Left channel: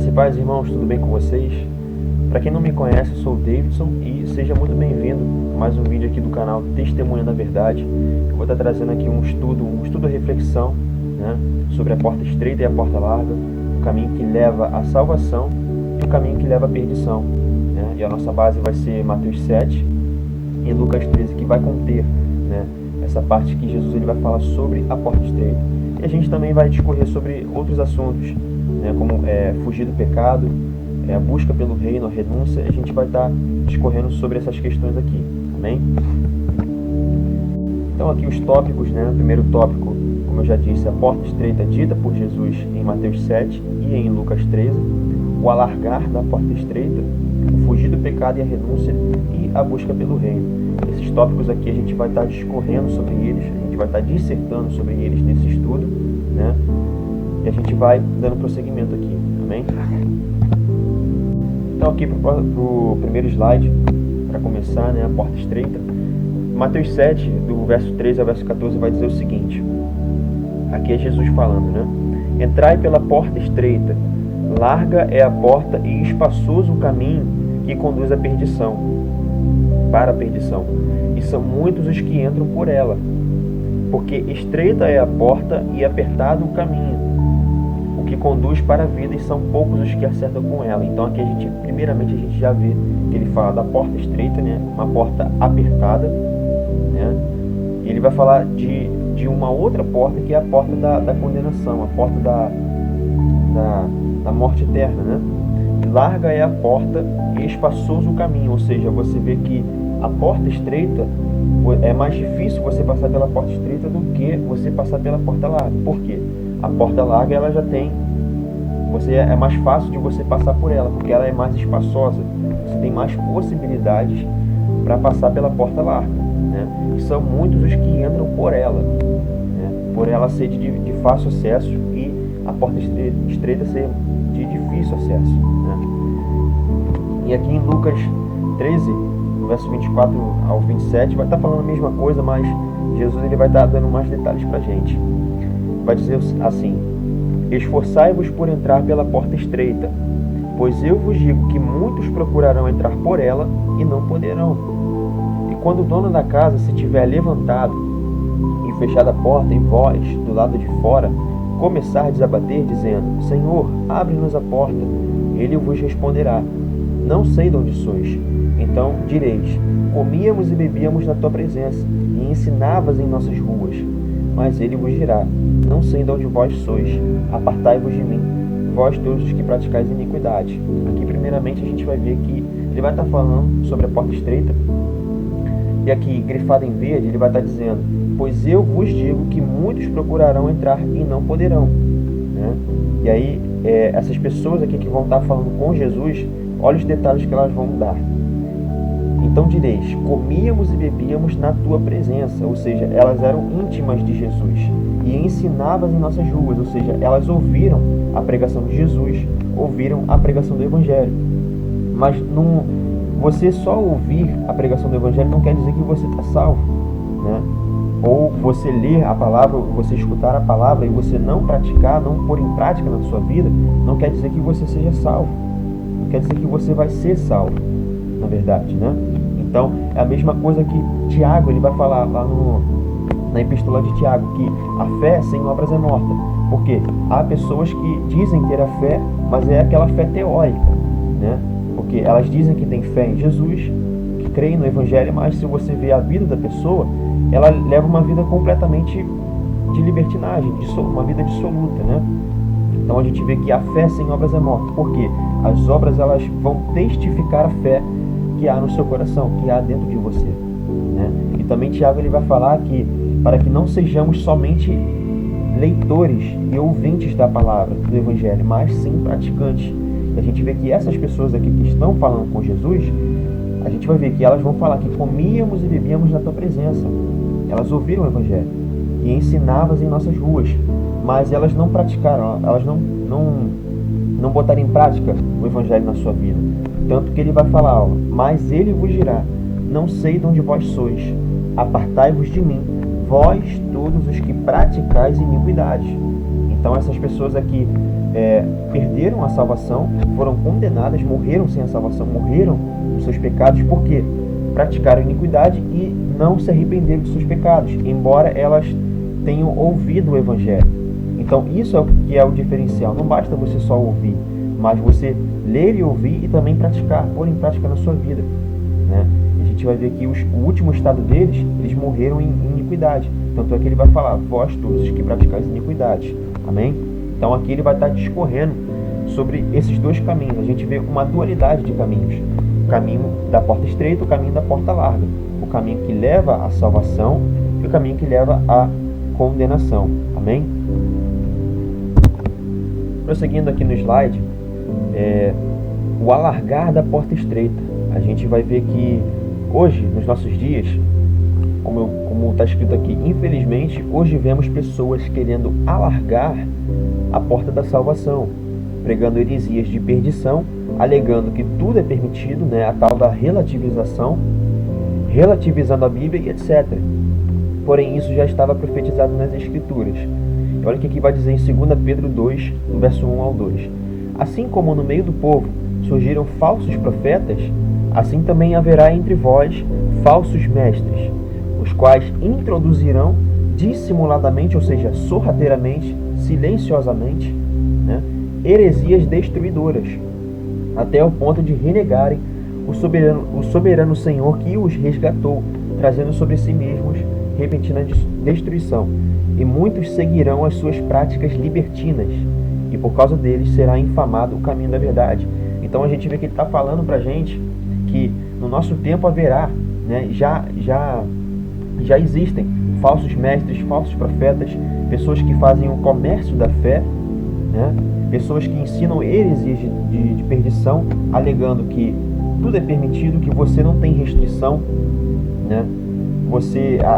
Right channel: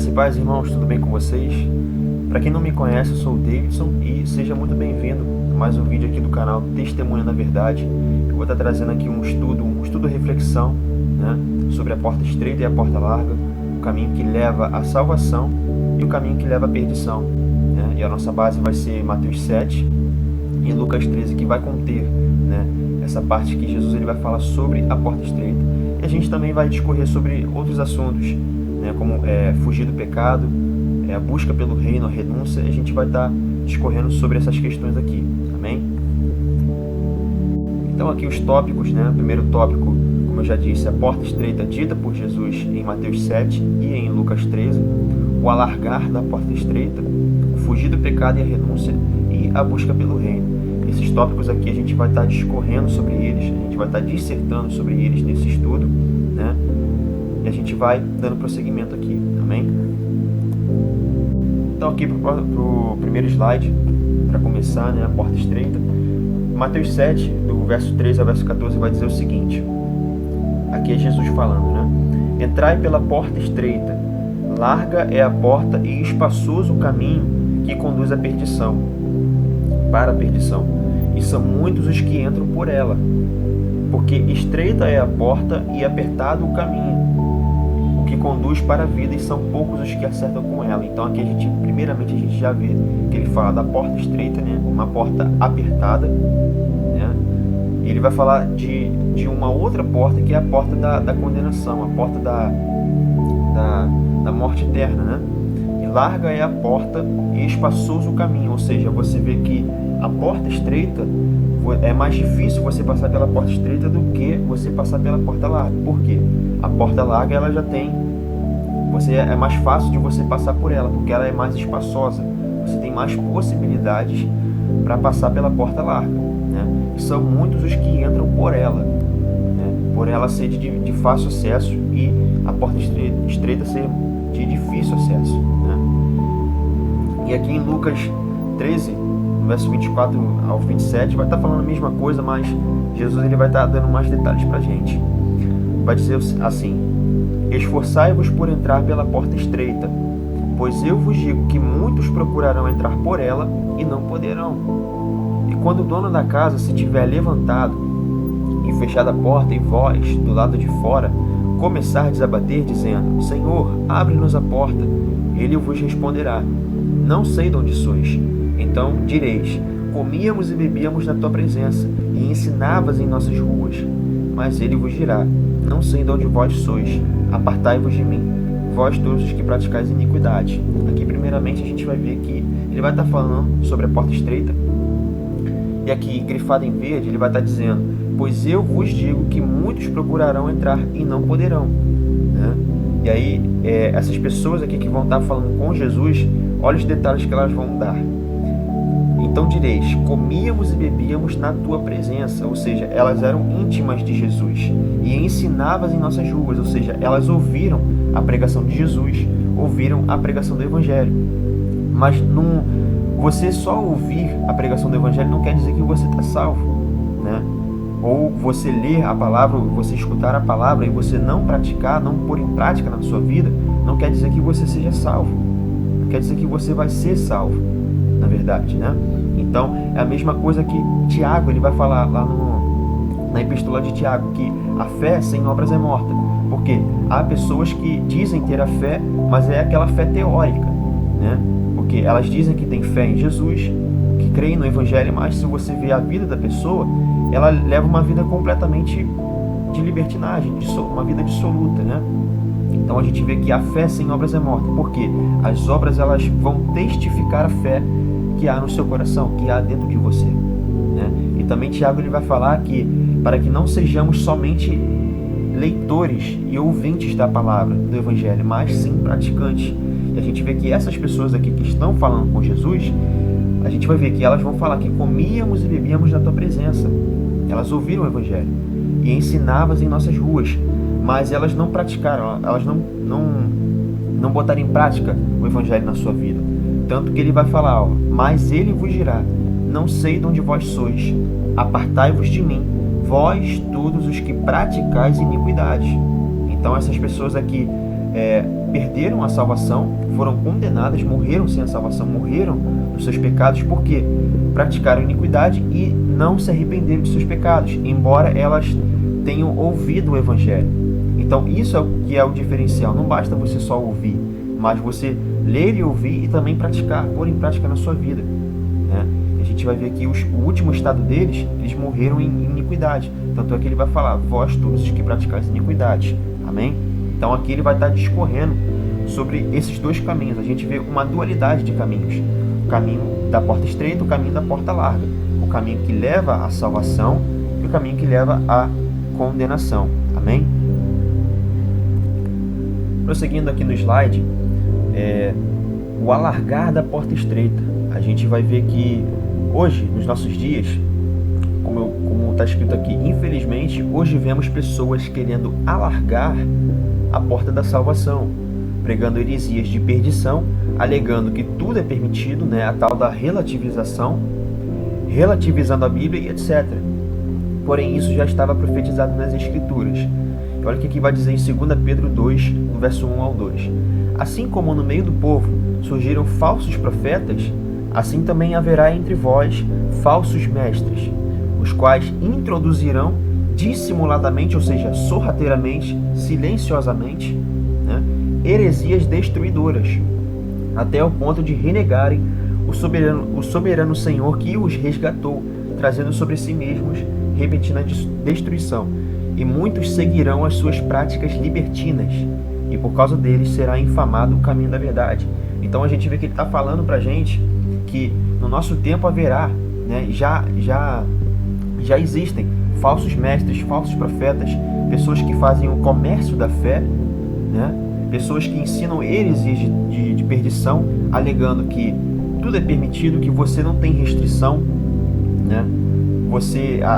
Graça e paz, irmãos, tudo bem com vocês? Para quem não me conhece, eu sou o Davidson e seja muito bem-vindo a mais um vídeo aqui do canal Testemunha da Verdade. Eu vou estar trazendo aqui um estudo reflexão, né, sobre a porta estreita e a porta larga, o caminho que leva à salvação e o caminho que leva à perdição, né? E a nossa base vai ser Mateus 7 e Lucas 13, que vai conter, né, essa parte que Jesus ele vai falar sobre a porta estreita. E a gente também vai discorrer sobre outros assuntos, né, como fugir do pecado, a busca pelo reino, a renúncia. A gente vai estar discorrendo sobre essas questões aqui, amém? Então aqui os tópicos, né? O primeiro tópico, como eu já disse, a porta estreita dita por Jesus em Mateus 7 e em Lucas 13, o alargar da porta estreita, o fugir do pecado e a renúncia e a busca pelo reino. Esses tópicos aqui a gente vai estar discorrendo sobre eles, a gente vai estar dissertando sobre eles nesse estudo, né? E a gente vai dando prosseguimento aqui, amém? Então aqui para o primeiro slide, para começar, né, a porta estreita, Mateus 7, do verso 13 ao verso 14, vai dizer o seguinte, aqui é Jesus falando, né? Entrai pela porta estreita, larga é a porta e espaçoso o caminho que conduz à perdição, para a perdição, e são muitos os que entram por ela, porque estreita é a porta e apertado o caminho que conduz para a vida, e são poucos os que acertam com ela. Então aqui primeiramente a gente já vê que ele fala da porta estreita, né? Uma porta apertada, né? E ele vai falar de uma outra porta, que é a porta da condenação, a porta da morte eterna, né? E larga é a porta e espaçoso o caminho, ou seja, você vê que a porta estreita é mais difícil você passar pela porta estreita do que você passar pela porta larga. Por quê? A porta larga ela já tem, é mais fácil de você passar por ela, porque ela é mais espaçosa. Você tem mais possibilidades para passar pela porta larga, né? E são muitos os que entram por ela, né? Por ela ser de fácil acesso e a porta estreita ser de difícil acesso, né? E aqui em Lucas 13, no verso 24 ao 27, vai estar falando a mesma coisa, mas Jesus ele vai estar dando mais detalhes para a gente. Vai dizer assim: esforçai-vos por entrar pela porta estreita, pois eu vos digo que muitos procurarão entrar por ela e não poderão. E quando o dono da casa se tiver levantado e fechado a porta, e vós, do lado de fora, começardes a bater, dizendo: Senhor, abre-nos a porta, ele vos responderá: não sei de onde sois. Então direis: comíamos e bebíamos na tua presença, e ensinavas em nossas ruas. Mas ele vos dirá: não sei de onde vós sois, apartai-vos de mim, vós todos os que praticais iniquidade. Aqui primeiramente a gente vai ver que ele vai estar falando sobre a porta estreita, e aqui grifado em verde ele vai estar dizendo: pois eu vos digo que muitos procurarão entrar e não poderão, né? E aí essas pessoas aqui que vão estar falando com Jesus, olha os detalhes que elas vão dar. Então direis: comíamos e bebíamos na tua presença, ou seja, elas eram íntimas de Jesus, e ensinavas em nossas ruas, ou seja, elas ouviram a pregação de Jesus, ouviram a pregação do Evangelho. Mas você só ouvir a pregação do Evangelho não quer dizer que você está salvo, né? Ou você ler a palavra, ou você escutar a palavra e você não praticar, não pôr em prática na sua vida, não quer dizer que você seja salvo, não quer dizer que você vai ser salvo, na verdade, né? Então, é a mesma coisa que Tiago, ele vai falar lá na epístola de Tiago, que a fé sem obras é morta. Porque há pessoas que dizem ter a fé, mas é aquela fé teórica, né? Porque elas dizem que tem fé em Jesus, que creem no Evangelho, mas se você vê a vida da pessoa, ela leva uma vida completamente de libertinagem, uma vida dissoluta, né? Então a gente vê que a fé sem obras é morta. Por quê? As obras elas vão testificar a fé que há no seu coração, que há dentro de você, né? E também Tiago ele vai falar que para que não sejamos somente leitores e ouvintes da palavra do Evangelho, mas sim praticantes. E a gente vê que essas pessoas aqui que estão falando com Jesus, a gente vai ver que elas vão falar que comíamos e bebíamos na tua presença. Elas ouviram o Evangelho e ensinavas em nossas ruas, mas elas não praticaram, elas não botaram em prática o Evangelho na sua vida. Tanto que ele vai falar, mas ele vos dirá: não sei de onde vós sois, apartai-vos de mim, vós todos os que praticais iniquidade. Então essas pessoas aqui perderam a salvação, foram condenadas, morreram sem a salvação, morreram nos seus pecados, porque praticaram iniquidade e não se arrependeram dos seus pecados, embora elas tenham ouvido o Evangelho. Então isso é o que é o diferencial. Não basta você só ouvir, mas você ler e ouvir e também praticar, pôr em prática na sua vida, né? A gente vai ver que o último estado deles, eles morreram em iniquidade. Tanto é que ele vai falar, vós todos os que praticais iniquidades. Amém? Então aqui ele vai estar discorrendo sobre esses dois caminhos. A gente vê uma dualidade de caminhos. O caminho da porta estreita, o caminho da porta larga. O caminho que leva à salvação e o caminho que leva à condenação. Amém? Prosseguindo aqui no slide, o alargar da porta estreita. A gente vai ver que hoje, nos nossos dias, como está escrito aqui, infelizmente, hoje vemos pessoas querendo alargar a porta da salvação, pregando heresias de perdição, alegando que tudo é permitido, né, a tal da relativização, relativizando a Bíblia e etc. Porém, isso já estava profetizado nas Escrituras. Olha o que aqui vai dizer em 2 Pedro 2, no verso 1 ao 2. Assim como no meio do povo surgiram falsos profetas, assim também haverá entre vós falsos mestres, os quais introduzirão dissimuladamente, ou seja, sorrateiramente, silenciosamente, né, heresias destruidoras, até o ponto de renegarem o soberano Senhor que os resgatou, trazendo sobre si mesmos repentina destruição. E muitos seguirão as suas práticas libertinas, e por causa deles será infamado o caminho da verdade. Então a gente vê que ele está falando para a gente que no nosso tempo haverá, né, já existem falsos mestres, falsos profetas, pessoas que fazem o comércio da fé, né, pessoas que ensinam heresias de perdição, alegando que tudo é permitido, que você não tem restrição, né?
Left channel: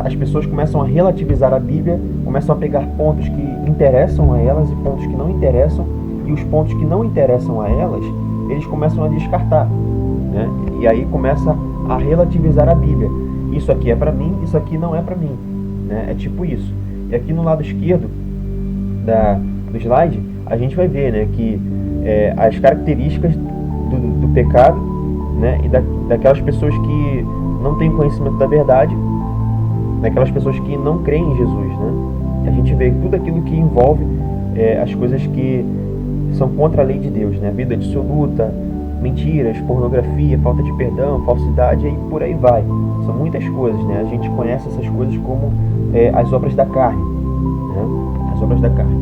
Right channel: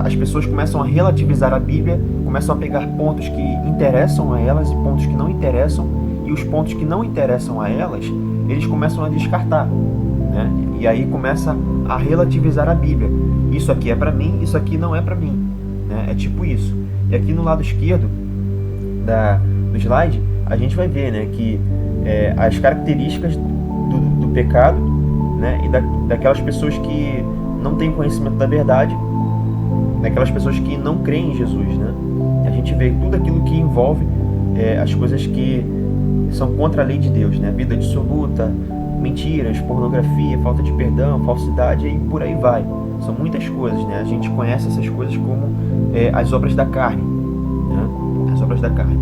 As pessoas começam a relativizar a Bíblia, começam a pegar pontos que interessam a elas e pontos que não interessam, e os pontos que não interessam a elas, eles começam a descartar, né? E aí começa a relativizar a Bíblia. Isso aqui é para mim, isso aqui não é para mim, né? É tipo isso. E aqui no lado esquerdo do slide, a gente vai ver, né, que as características do pecado, né, e daquelas pessoas que não têm conhecimento da verdade, daquelas pessoas que não creem em Jesus, né? A gente vê tudo aquilo que envolve as coisas que são contra a lei de Deus, né? Vida dissoluta, mentiras, pornografia, falta de perdão, falsidade e por aí vai. São muitas coisas, né? A gente conhece essas coisas como as obras da carne, né? As obras da carne.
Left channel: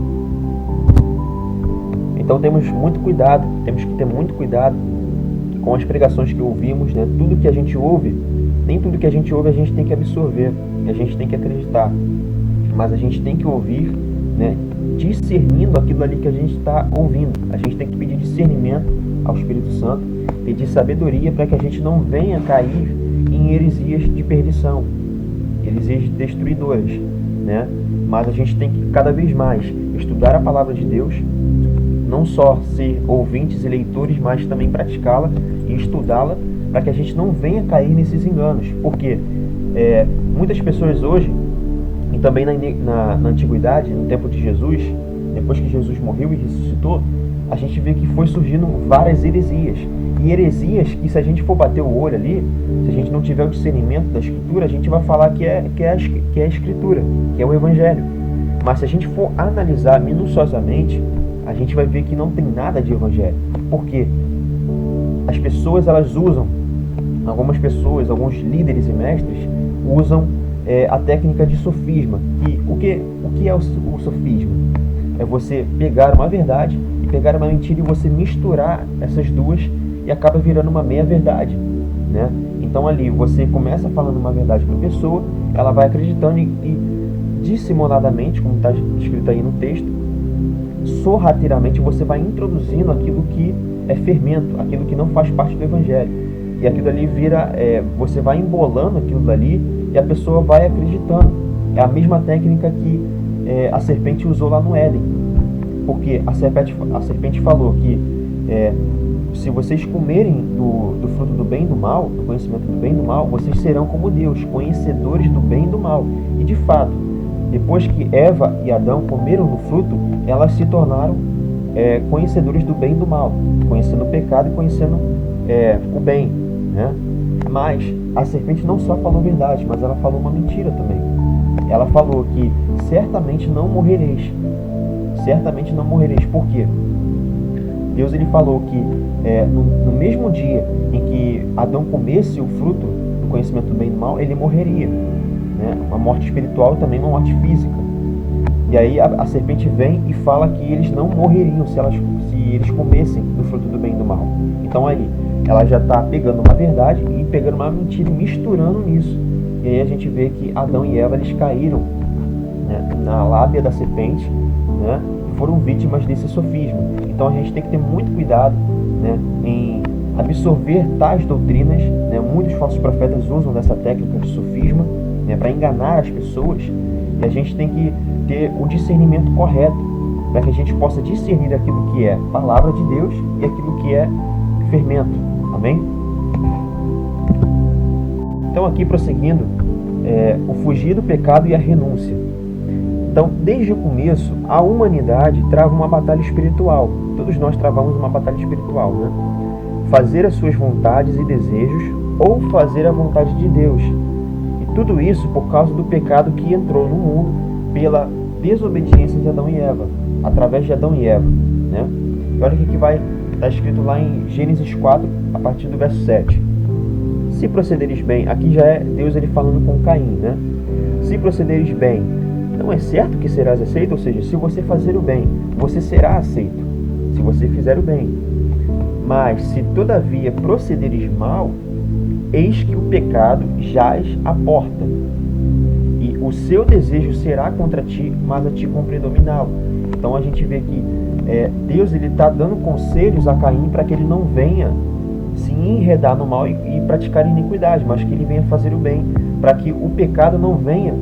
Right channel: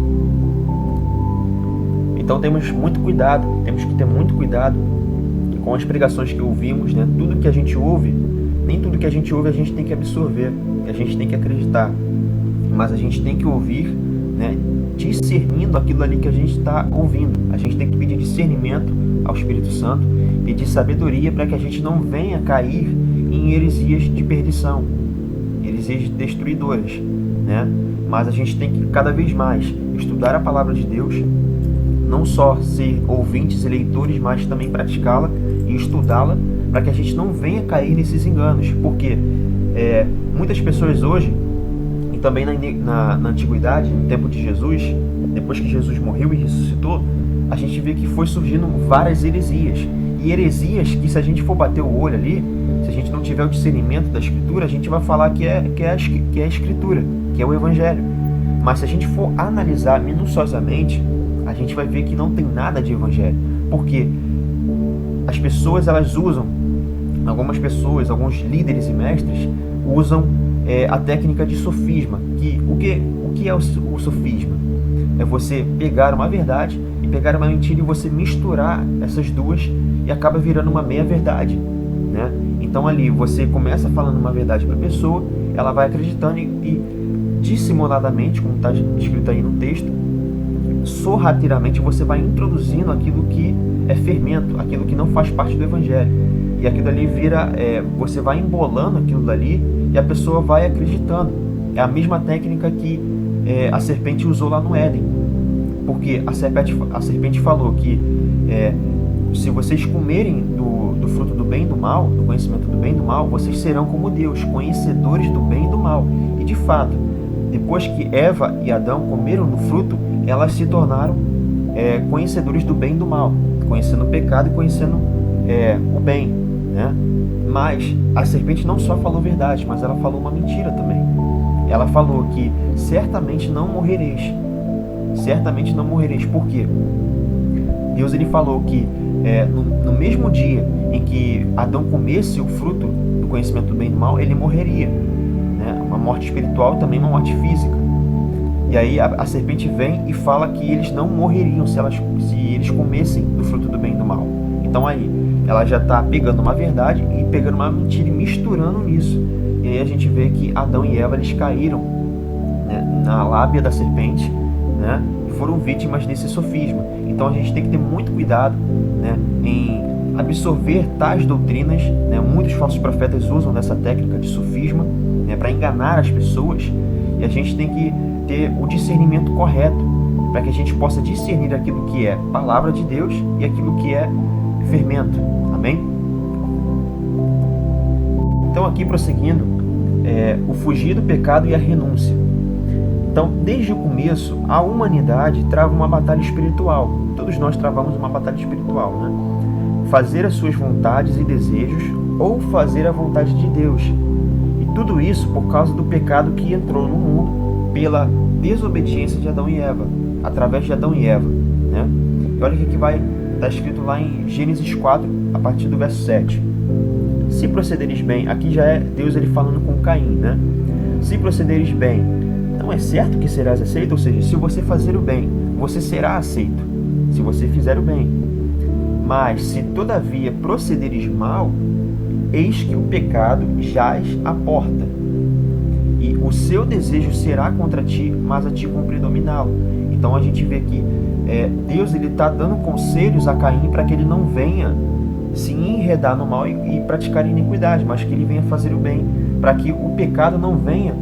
Então temos que ter muito cuidado com as pregações que ouvimos, né? Tudo que a gente ouve, nem tudo que a gente ouve a gente tem que absorver, a gente tem que acreditar, mas a gente tem que ouvir, né, discernindo aquilo ali que a gente está ouvindo. A gente tem que pedir discernimento ao Espírito Santo, pedir sabedoria para que a gente não venha cair em heresias de perdição, heresias destruidoras, né? Mas a gente tem que cada vez mais estudar a palavra de Deus, não só ser ouvintes e leitores, mas também praticá-la e estudá-la, para que a gente não venha cair nesses enganos. Porque muitas pessoas hoje, e também na antiguidade, no tempo de Jesus, depois que Jesus morreu e ressuscitou, a gente vê que foi surgindo várias heresias. E heresias que, se a gente for bater o olho ali, se a gente não tiver o discernimento da Escritura, a gente vai falar que é a Escritura, que é o Evangelho. Mas se a gente for analisar minuciosamente, a gente vai ver que não tem nada de Evangelho. Porque as pessoas, elas usam, algumas pessoas, alguns líderes e mestres, usam a técnica de sofisma. O que é o sofisma? É você pegar uma verdade e pegar uma mentira e você misturar essas duas e acaba virando uma meia-verdade, né? Então ali você começa falando uma verdade para a pessoa, ela vai acreditando e dissimuladamente, como está escrito aí no texto, sorrateiramente você vai introduzindo aquilo que é fermento, aquilo que não faz parte do Evangelho. E aquilo ali vira, você vai embolando aquilo dali e a pessoa vai acreditando. É a mesma técnica que a serpente usou lá no Éden. Porque a serpente falou que se vocês comerem do fruto do bem e do mal, do conhecimento do bem e do mal, vocês serão como Deus, conhecedores do bem e do mal. E de fato, depois que Eva e Adão comeram do fruto, elas se tornaram conhecedores do bem e do mal, conhecendo o pecado e conhecendo o bem, né? Mas a serpente não só falou verdade, mas ela falou uma mentira também. Ela falou que certamente não morrereis. Certamente não morrereis. Por quê? Deus ele falou que no mesmo dia em que Adão comesse o fruto do conhecimento do bem e do mal, ele morreria, né? Uma morte espiritual, também uma morte física. E aí a serpente vem e fala que eles não morreriam se eles comessem do fruto do bem e do mal. Então aí ela já está pegando uma verdade e pegando uma mentira e misturando nisso. E aí a gente vê que Adão e Eva eles caíram, né, na lábia da serpente, né, e foram vítimas desse sofisma. Então a gente tem que ter muito cuidado, né, em absorver tais doutrinas, né. Muitos falsos profetas usam dessa técnica de sofisma, né, para enganar as pessoas, e a gente tem que ter o discernimento correto para que a gente possa discernir aquilo que é palavra de Deus e aquilo que é fermento. Amém? Então aqui prosseguindo, o fugir do pecado e a renúncia. Então, desde o começo, a humanidade trava uma batalha espiritual. Todos nós travamos uma batalha espiritual, né? Fazer as suas vontades e desejos ou fazer a vontade de Deus. E tudo isso por causa do pecado que entrou no mundo pela desobediência de Adão e Eva, através de Adão e Eva, né? E olha o que vai estar escrito lá em Gênesis 4, a partir do verso 7. Se procederes bem, aqui já é Deus ele falando com Caim, né? Se procederes bem, não é certo que serás aceito? Ou seja, se você fazer o bem, você será aceito, se você fizer o bem. Mas se todavia procederes mal, eis que o pecado jaz à porta, e o seu desejo será contra ti, mas a ti cumpre dominá-lo. Então a gente vê que Deus ele está dando conselhos a Caim para que ele não venha se enredar no mal e praticar iniquidade, mas que ele venha fazer o bem, para que o pecado não venha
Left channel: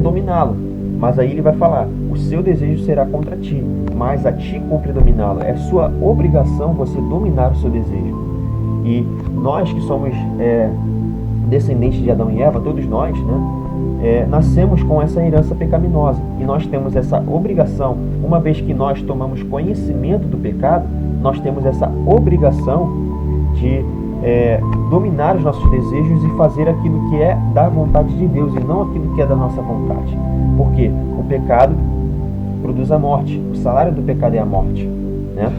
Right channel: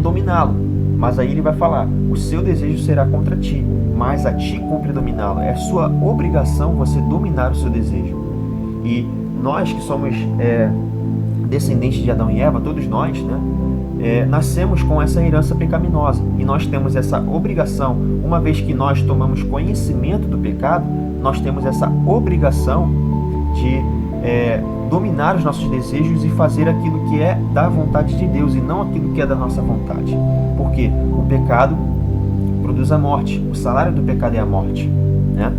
dominá-lo. Mas aí ele vai falar, o seu desejo será contra ti, mas a ti cumpre dominá-lo. É sua obrigação você dominar o seu desejo. E nós que somos descendentes de Adão e Eva, todos nós, né, nascemos com essa herança pecaminosa. E nós temos essa obrigação, uma vez que nós tomamos conhecimento do pecado, nós temos essa obrigação de dominar os nossos desejos e fazer aquilo que é da vontade de Deus e não aquilo que é da nossa vontade. Porque o pecado produz a morte, o salário do pecado é a morte, né?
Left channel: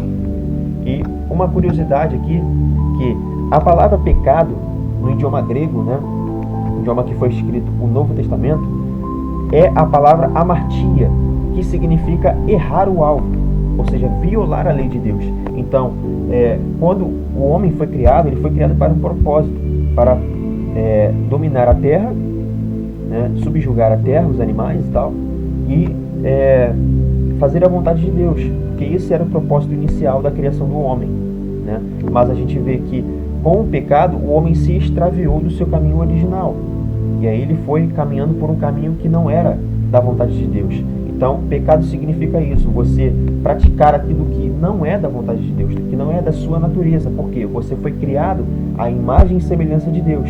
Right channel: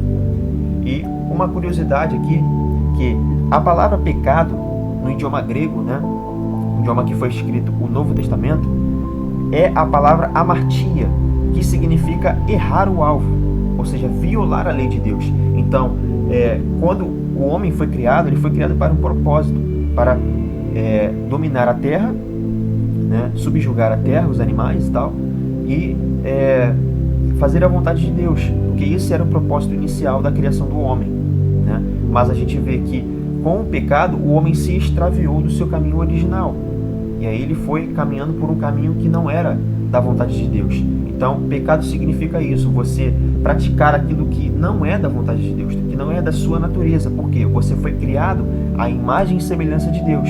E uma curiosidade aqui, que a palavra pecado, no idioma grego, né, o idioma que foi escrito o Novo Testamento, é a palavra amartia, que significa errar o alvo, ou seja, violar a lei de Deus. Então, quando o homem foi criado, ele foi criado para um propósito, para dominar a terra, né, subjugar a terra, os animais e tal, e fazer a vontade de Deus, porque esse era o propósito inicial da criação do homem, né? Mas a gente vê que com o pecado o homem se extraviou do seu caminho original, e aí ele foi caminhando por um caminho que não era da vontade de Deus. Então, pecado significa isso, você praticar aquilo que não é da vontade de Deus, que não é da sua natureza, porque você foi criado à imagem e semelhança de Deus.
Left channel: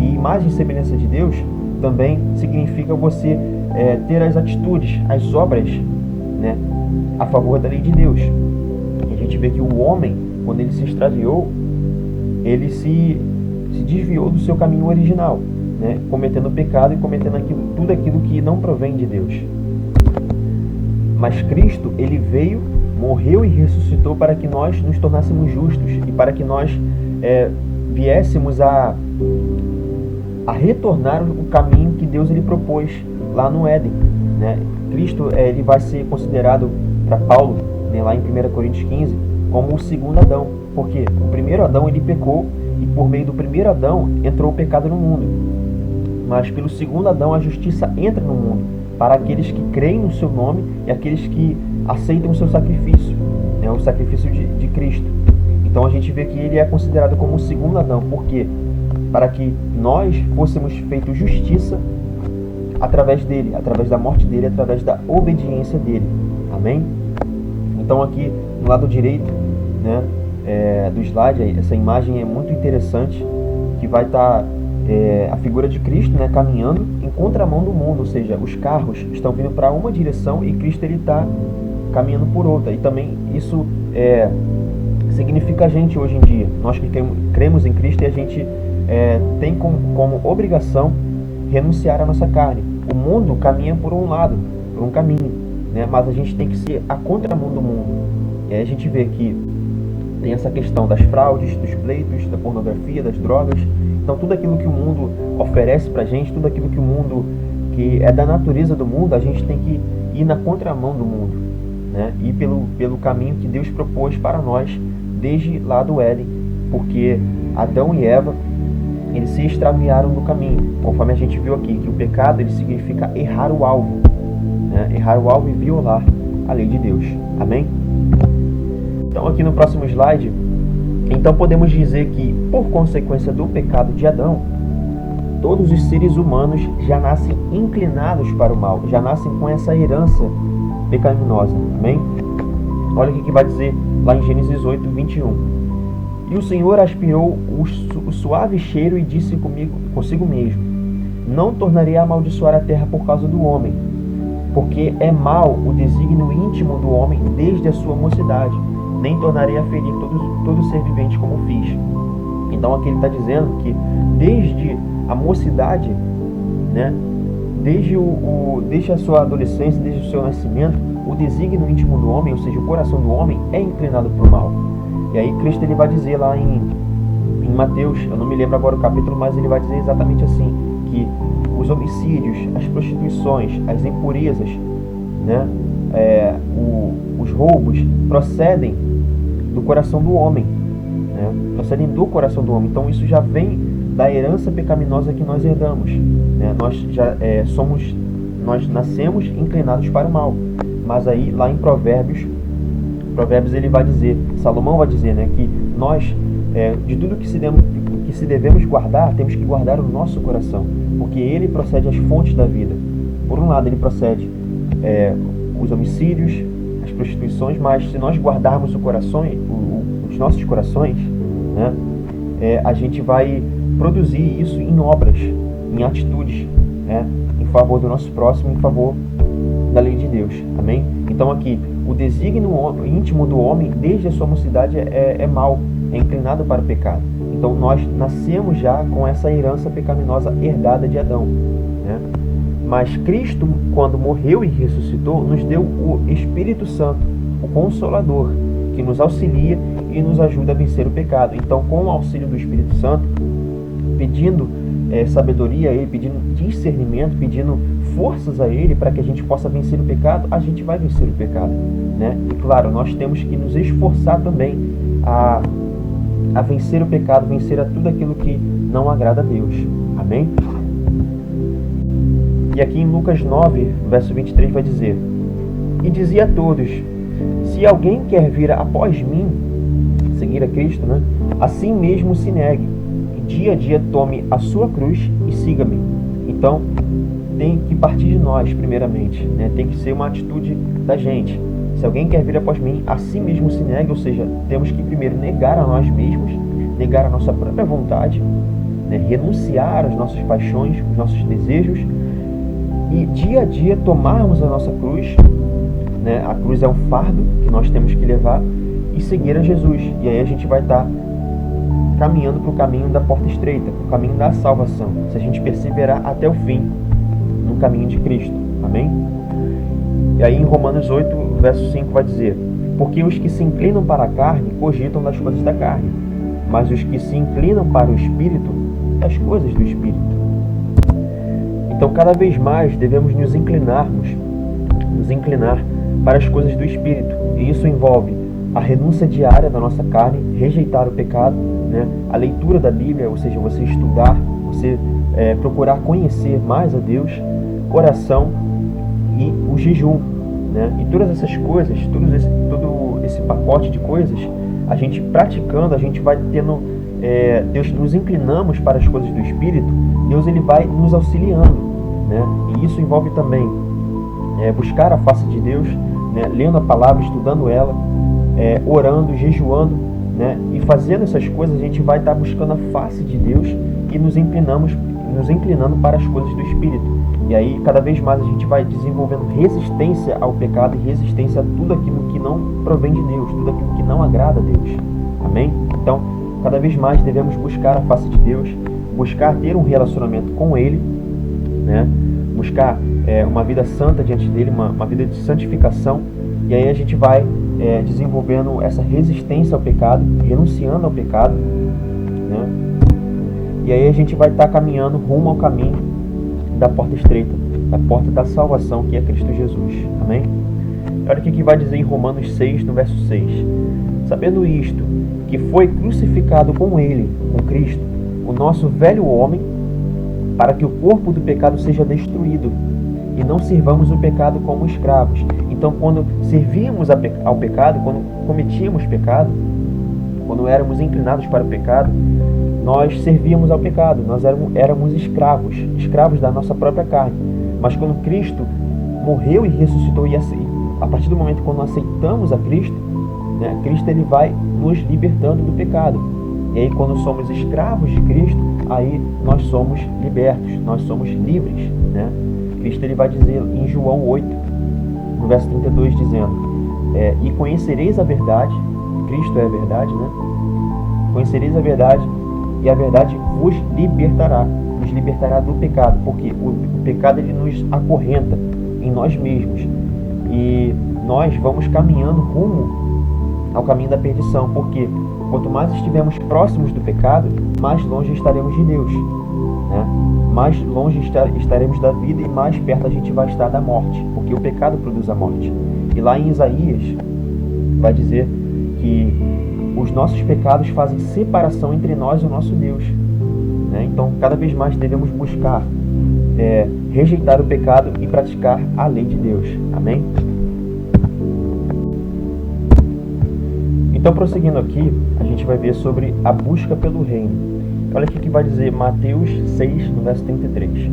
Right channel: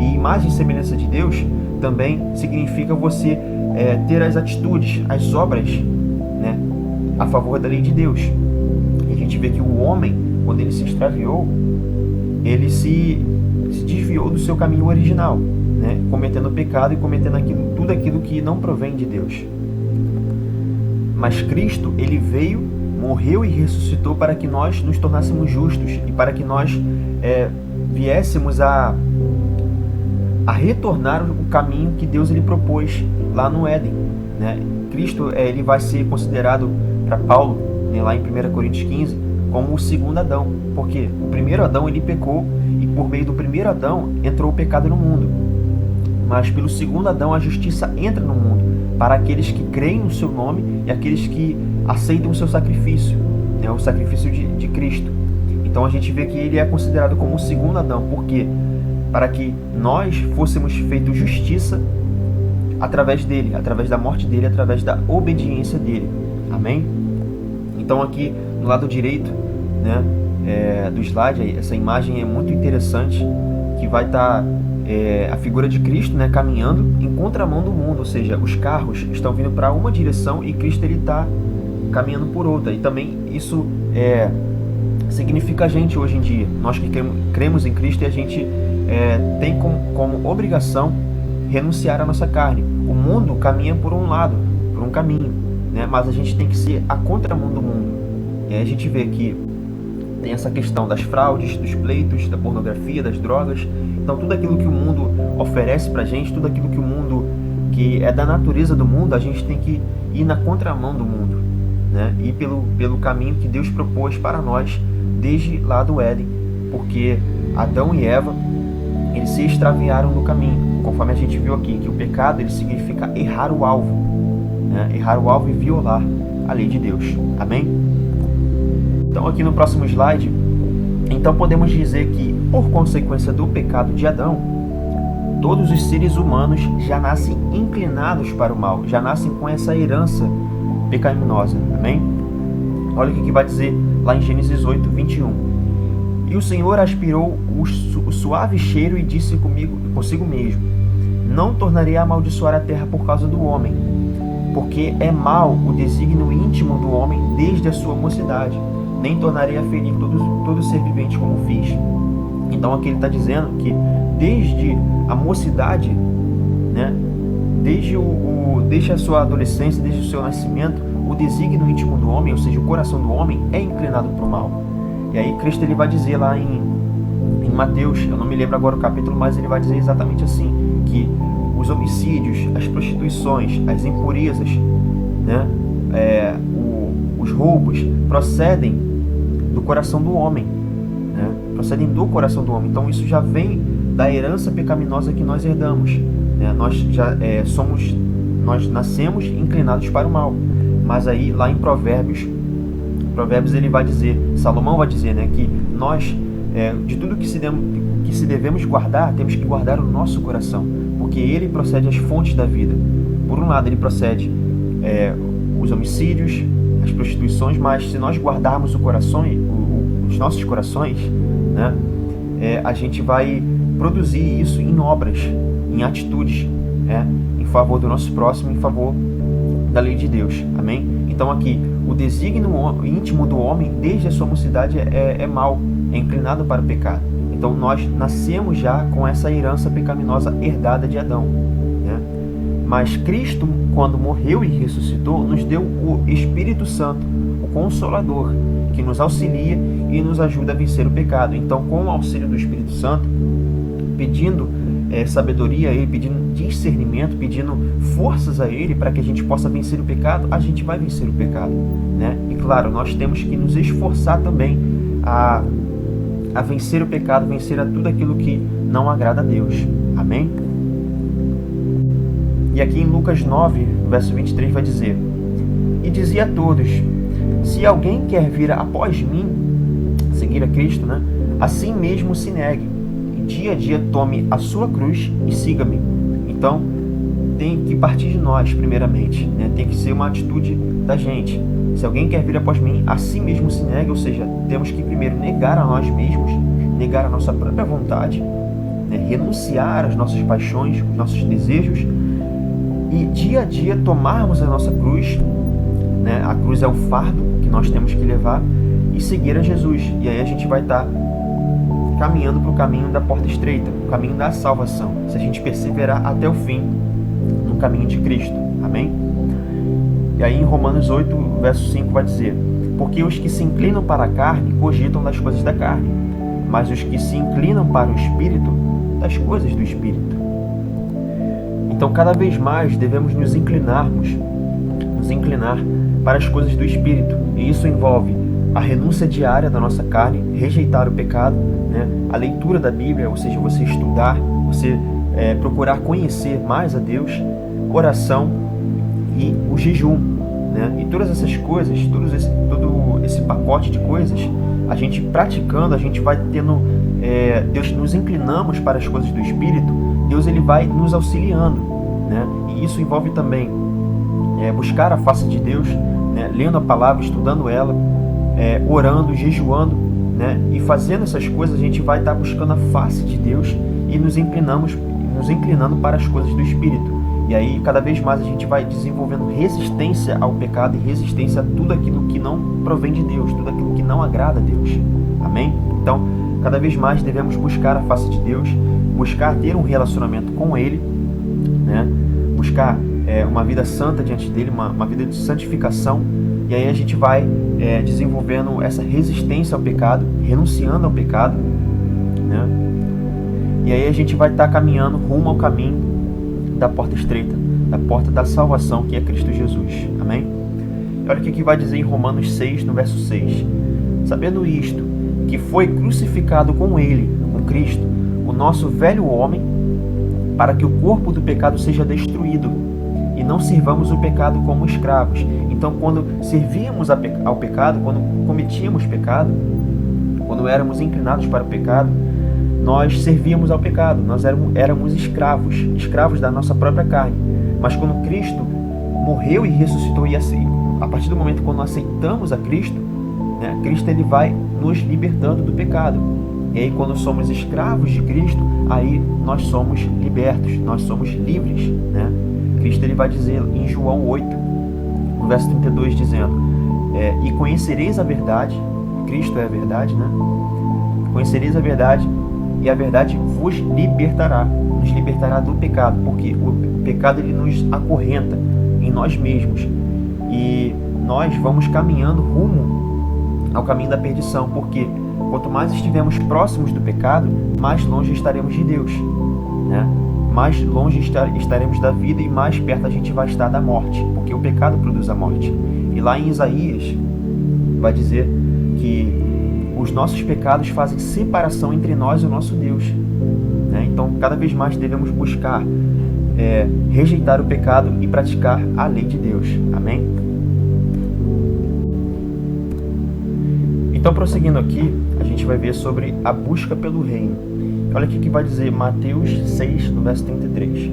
E imagem e semelhança de Deus também significa você ter as atitudes, as obras, né, a favor da lei de Deus. E a gente vê que o homem, quando ele se extraviou, ele se desviou do seu caminho original, né, cometendo pecado e cometendo tudo aquilo que não provém de Deus. Mas Cristo, ele veio, morreu e ressuscitou para que nós nos tornássemos justos e para que nós viéssemos a retornar o caminho que Deus ele propôs lá no Éden, né? Cristo ele vai ser considerado para Paulo, né, lá em 1 Coríntios 15, como o segundo Adão, porque o primeiro Adão ele pecou e por meio do primeiro Adão entrou o pecado no mundo, mas pelo segundo Adão a justiça entra no mundo para aqueles que creem no seu nome e aqueles que aceitam o seu sacrifício, né, o sacrifício de Cristo. Então a gente vê que ele é considerado como o segundo Adão, porque para que nós fôssemos feitos justiça através dele, através da morte dele, através da obediência dele. Amém? Então aqui no lado direito, né, do slide, essa imagem é muito interessante, que vai estar a figura de Cristo, né, caminhando em contramão do mundo, ou seja, os carros estão vindo para uma direção e Cristo ele está caminhando por outra. E também isso significa a gente hoje em dia. Nós que cremos em Cristo, e a gente tem como obrigação renunciar à nossa carne. O mundo caminha por um lado, por um caminho, né? Mas a gente tem que ser a contramão do mundo. E aí a gente vê que tem essa questão das fraudes, dos pleitos, da pornografia, das drogas. Então tudo aquilo que o mundo oferece pra gente, tudo aquilo que o mundo, que é da natureza do mundo, a gente tem que ir na contramão do mundo, né? Ir pelo caminho que Deus propôs para nós desde lá do Éden, porque Adão e Eva, eles se extraviaram no caminho, conforme a gente viu aqui, que o pecado ele significa errar o alvo, né? Errar o alvo e violar a lei de Deus. Amém? Então aqui no próximo slide, então podemos dizer que, por consequência do pecado de Adão, todos os seres humanos já nascem inclinados para o mal, já nascem com essa herança pecaminosa. Amém? Olha o que vai dizer lá em Gênesis 8, 21. E o Senhor aspirou o suave cheiro e disse consigo mesmo: não tornarei a amaldiçoar a terra por causa do homem, porque é mau o desígnio íntimo do homem desde a sua mocidade, nem tornarei a ferir todo ser vivente como fiz. Então aqui ele está dizendo que desde a mocidade, né, desde a sua adolescência, desde o seu nascimento, o desígnio íntimo do homem, ou seja, o coração do homem, é inclinado para o mal. E aí Cristo ele vai dizer lá em Mateus, eu não me lembro agora o capítulo, mas ele vai dizer exatamente assim, que os homicídios, as prostituições, as impurezas, né, os roubos procedem do coração do homem, né, procedem do coração do homem. Então isso já vem da herança pecaminosa que nós herdamos, né? Nós nascemos inclinados para o mal. Mas aí lá em Provérbios ele vai dizer, Salomão vai dizer, né, que nós, de tudo que se devemos guardar, temos que guardar o nosso coração, porque ele procede as fontes da vida. Por um lado ele procede os homicídios, as prostituições, mas se nós guardarmos os nossos corações, né, a gente vai produzir isso em obras, em atitudes, né, em favor do nosso próximo, em favor da lei de Deus. Amém? Então aqui, o desígnio íntimo do homem, desde a sua mocidade, é mau, é inclinado para o pecado. Então nós nascemos já com essa herança pecaminosa herdada de Adão, né? Mas Cristo, quando morreu e ressuscitou, nos deu o Espírito Santo, o Consolador, que nos auxilia e nos ajuda a vencer o pecado. Então, com o auxílio do Espírito Santo, pedindo sabedoria a Ele, pedindo discernimento, pedindo forças a Ele para que a gente possa vencer o pecado, a gente vai vencer o pecado, né? E claro, nós temos que nos esforçar também a vencer o pecado, vencer a tudo aquilo que não agrada a Deus. Amém? E aqui em Lucas 9, verso 23 vai dizer: e dizia a todos: se alguém quer vir após mim, seguir a Cristo, né? Assim mesmo se negue, e dia a dia tome a sua cruz e siga-me. Então, tem que partir de nós, primeiramente, né? Tem que ser uma atitude da gente. Se alguém quer vir após mim, assim mesmo se negue, ou seja, temos que primeiro negar a nós mesmos, negar a nossa própria vontade, né? Renunciar às nossas paixões, os nossos desejos, e dia a dia tomarmos a nossa cruz, né? A cruz é um fardo que nós temos que levar, e seguir a Jesus. E aí a gente vai estar caminhando para o caminho da porta estreita, o caminho da salvação, se a gente perseverar até o fim no caminho de Cristo. Amém? E aí em Romanos 8, verso 5 vai dizer: porque os que se inclinam para a carne cogitam das coisas da carne, mas os que se inclinam para o Espírito, das coisas do Espírito. Então cada vez mais devemos nos inclinar para as coisas do Espírito, e isso envolve a renúncia diária da nossa carne, rejeitar o pecado, né? A leitura da Bíblia, ou seja, você estudar, você procurar conhecer mais a Deus, oração e o jejum, né? E todas essas coisas, todo esse pacote de coisas, a gente praticando, a gente vai tendo, Deus, nos inclinamos para as coisas do Espírito, Deus ele vai nos auxiliando, né? E isso envolve também buscar a face de Deus, né? Lendo a palavra, estudando ela, orando, jejuando, né? E fazendo essas coisas, a gente vai estar buscando a face de Deus e nos inclinando para as coisas do Espírito. E aí, cada vez mais a gente vai desenvolvendo resistência ao pecado e resistência a tudo aquilo que não provém de Deus, tudo aquilo que não agrada a Deus. Amém? Então, cada vez mais devemos buscar a face de Deus, buscar ter um relacionamento com Ele, né? Buscar uma vida santa diante dEle, uma vida de santificação. E aí a gente vai desenvolvendo essa resistência ao pecado, renunciando ao pecado, né? E aí a gente vai estar caminhando rumo ao caminho da porta estreita, da porta da salvação, que é Cristo Jesus. Amém? Olha o que vai dizer em Romanos 6, no verso 6. Sabendo isto, que foi crucificado com Ele, com Cristo, o nosso velho homem, para que o corpo do pecado seja destruído, e não sirvamos o pecado como escravos. Então, quando servíamos ao pecado, quando cometíamos pecado, quando éramos inclinados para o pecado, nós servíamos ao pecado, nós éramos escravos da nossa própria carne. Mas quando Cristo morreu e ressuscitou, e a partir do momento quando aceitamos a Cristo, né, Cristo ele vai nos libertando do pecado. E aí, quando somos escravos de Cristo, aí nós somos libertos, nós somos livres, né? Cristo ele vai dizer em João 8, no verso 32, dizendo: e conhecereis a verdade. Cristo é a verdade, né? Conhecereis a verdade, e a verdade vos libertará, nos libertará do pecado, porque o pecado ele nos acorrenta em nós mesmos, e nós vamos caminhando rumo ao caminho da perdição, porque quanto mais estivermos próximos do pecado, mais longe estaremos de Deus, né? Mais longe estaremos da vida, e mais perto a gente vai estar da morte, porque o pecado produz a morte. E lá em Isaías vai dizer que os nossos pecados fazem separação entre nós e o nosso Deus, né? Então, cada vez mais devemos buscar rejeitar o pecado e praticar a lei de Deus. Amém? Então, prosseguindo aqui, a gente vai ver sobre a busca pelo reino. Olha o que vai dizer Mateus 6, no verso 33.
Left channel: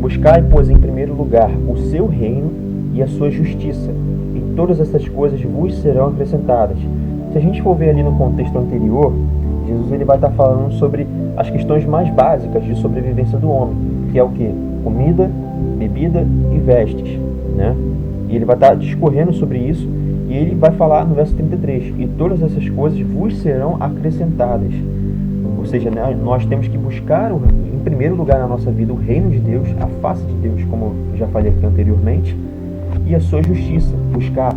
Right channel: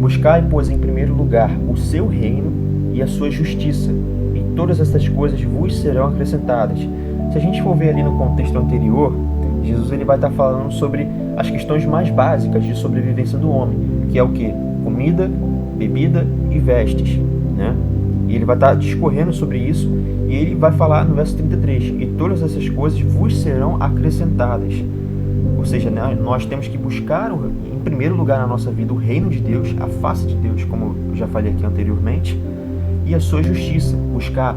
Buscai, pois, em primeiro lugar o seu reino e a sua justiça, e todas essas coisas vos serão acrescentadas. Se a gente for ver ali no contexto anterior, Jesus ele vai estar falando sobre as questões mais básicas de sobrevivência do homem, que é o quê? Comida, bebida e vestes, né? E ele vai estar discorrendo sobre isso, e ele vai falar no verso 33, e todas essas coisas vos serão acrescentadas. Ou seja, nós temos que buscar, em primeiro lugar na nossa vida, o reino de Deus, a face de Deus, como eu já falei aqui anteriormente, e a sua justiça. Buscar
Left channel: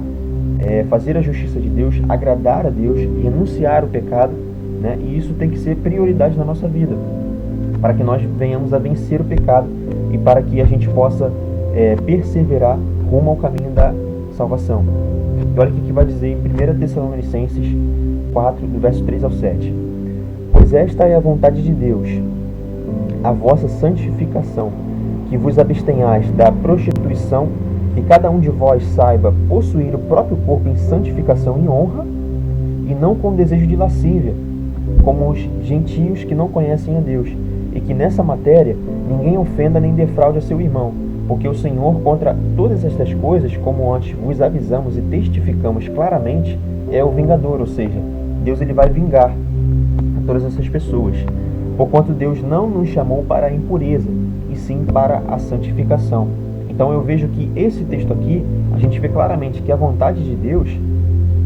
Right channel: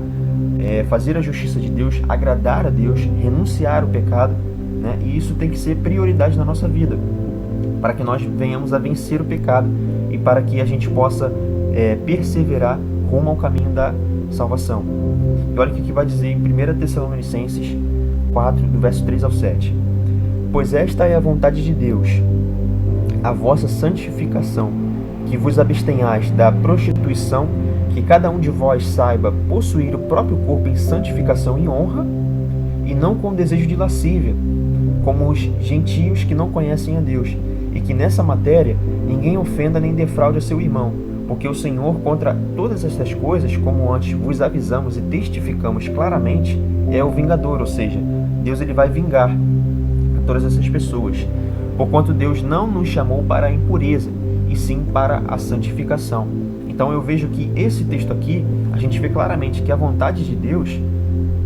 fazer a justiça de Deus, agradar a Deus, renunciar ao pecado, né? E isso tem que ser prioridade na nossa vida, para que nós venhamos a vencer o pecado e para que a gente possa perseverar rumo ao caminho da salvação. E olha o que vai dizer em 1 Tessalonicenses 4, do verso 3 ao 7. Pois esta é a vontade de Deus, a vossa santificação, que vos abstenhais da prostituição, que cada um de vós saiba possuir o próprio corpo em santificação e honra, e não com desejo de lascívia, como os gentios que não conhecem a Deus, e que nessa matéria ninguém ofenda nem defraude a seu irmão, porque o Senhor contra todas estas coisas, como antes vos avisamos e testificamos claramente, é o vingador, ou seja, Deus ele vai vingar a todas essas pessoas, porquanto Deus não nos chamou para a impureza, e sim para a santificação. Então eu vejo que esse texto aqui, a gente vê claramente que a vontade de Deus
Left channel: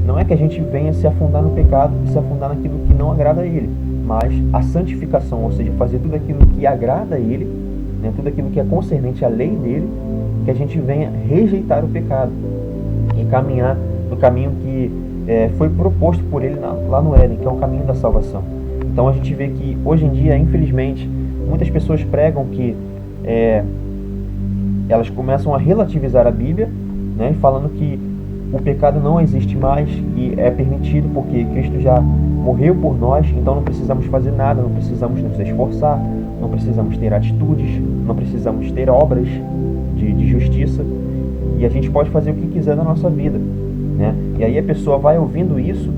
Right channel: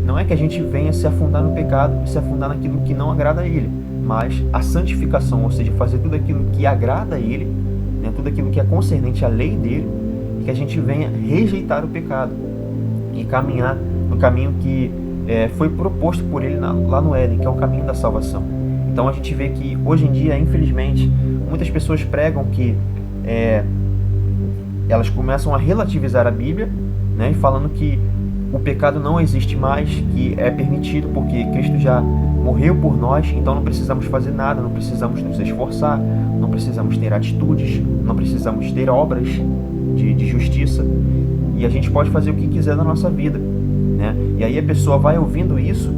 não é que a gente venha se afundar no pecado e se afundar naquilo que não agrada a Ele, mas a santificação, ou seja, fazer tudo aquilo que agrada a Ele, né, tudo aquilo que é concernente à lei dEle, que a gente venha rejeitar o pecado e caminhar no caminho que foi proposto por Ele lá no Éden, que é um caminho da salvação. Então a gente vê que hoje em dia, infelizmente, muitas pessoas pregam que elas começam a relativizar a Bíblia, né, falando que o pecado não existe mais, que é permitido porque Cristo já morreu por nós, então não precisamos fazer nada, não precisamos nos esforçar, não precisamos ter atitudes, não precisamos ter obras de justiça, e a gente pode fazer o que quiser na nossa vida, né? E aí a pessoa vai ouvindo isso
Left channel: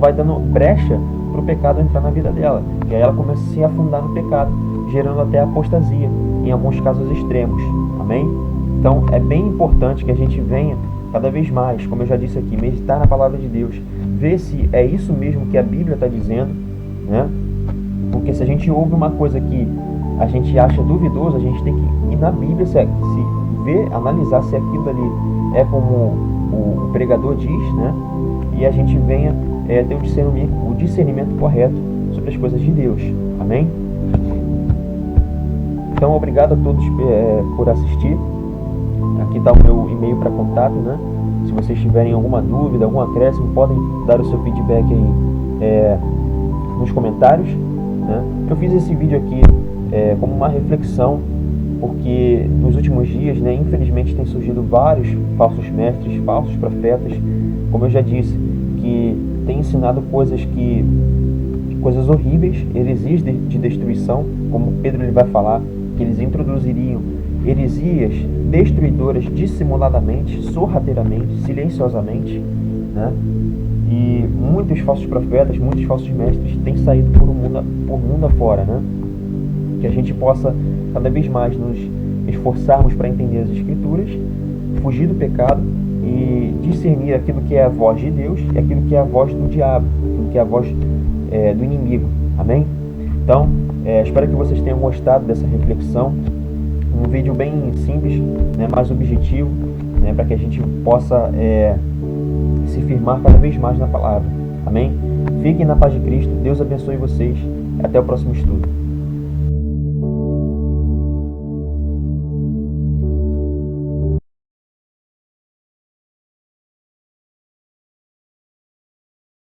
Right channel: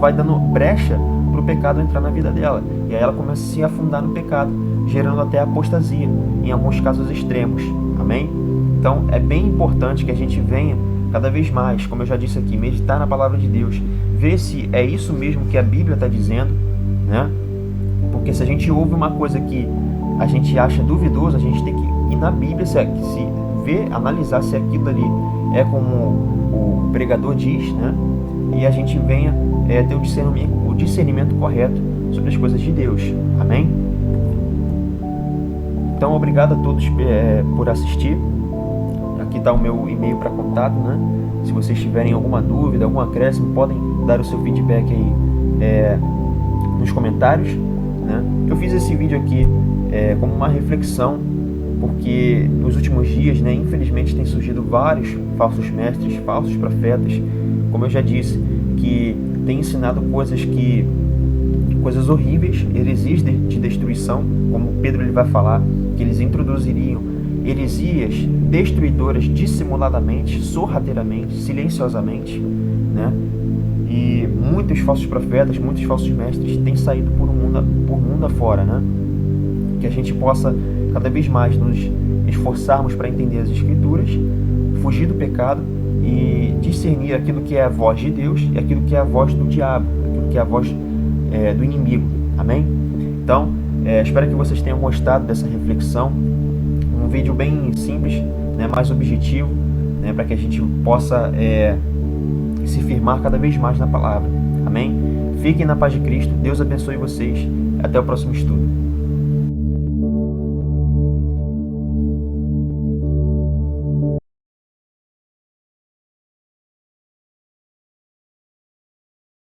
vai dando brecha para o pecado entrar na vida dela, e aí ela começa a se afundar no pecado, gerando até apostasia, em alguns casos extremos. Amém? Então é bem importante que a gente venha cada vez mais, como eu já disse aqui, meditar na palavra de Deus, ver se é isso mesmo que a Bíblia está dizendo, né? Porque se a gente ouve uma coisa que a gente acha duvidoso, a gente tem que ir na Bíblia, se ver, analisar se aquilo ali é como o pregador diz, né? E a gente venha ter o discernimento correto sobre as coisas de Deus. Amém? Então, obrigado a todos por assistir. Aqui está o meu e-mail para contato, né? Se vocês tiverem alguma dúvida, algum acréscimo, podem dar o seu feedback aí nos comentários, né? Eu fiz esse vídeo aqui como uma reflexão, porque nos últimos dias, né, infelizmente, tem surgido vários falsos mestres, falsos profetas, como eu já disse, que têm ensinado coisas horríveis, heresias de destruição, como Pedro ele vai falar, que eles introduziriam heresias destruidoras dissimuladamente, sorrateiramente, silenciosamente, né? E muitos falsos profetas, muitos falsos mestres têm saído por mundo afora, né? Que a gente possa cada vez mais nos esforçarmos para entender as Escrituras, fugir do pecado e discernir aquilo que é a voz de Deus e aquilo que é a voz do diabo, aquilo que é a voz do inimigo. Amém? Então, espero que vocês tenham gostado dessa reflexão. Um vídeo bem simples, né, mais objetivo, né, para que a gente possa se firmar cada vez mais na palavra. Amém? Fiquem na paz de Cristo. Deus abençoe vocês. Até o próximo estudo.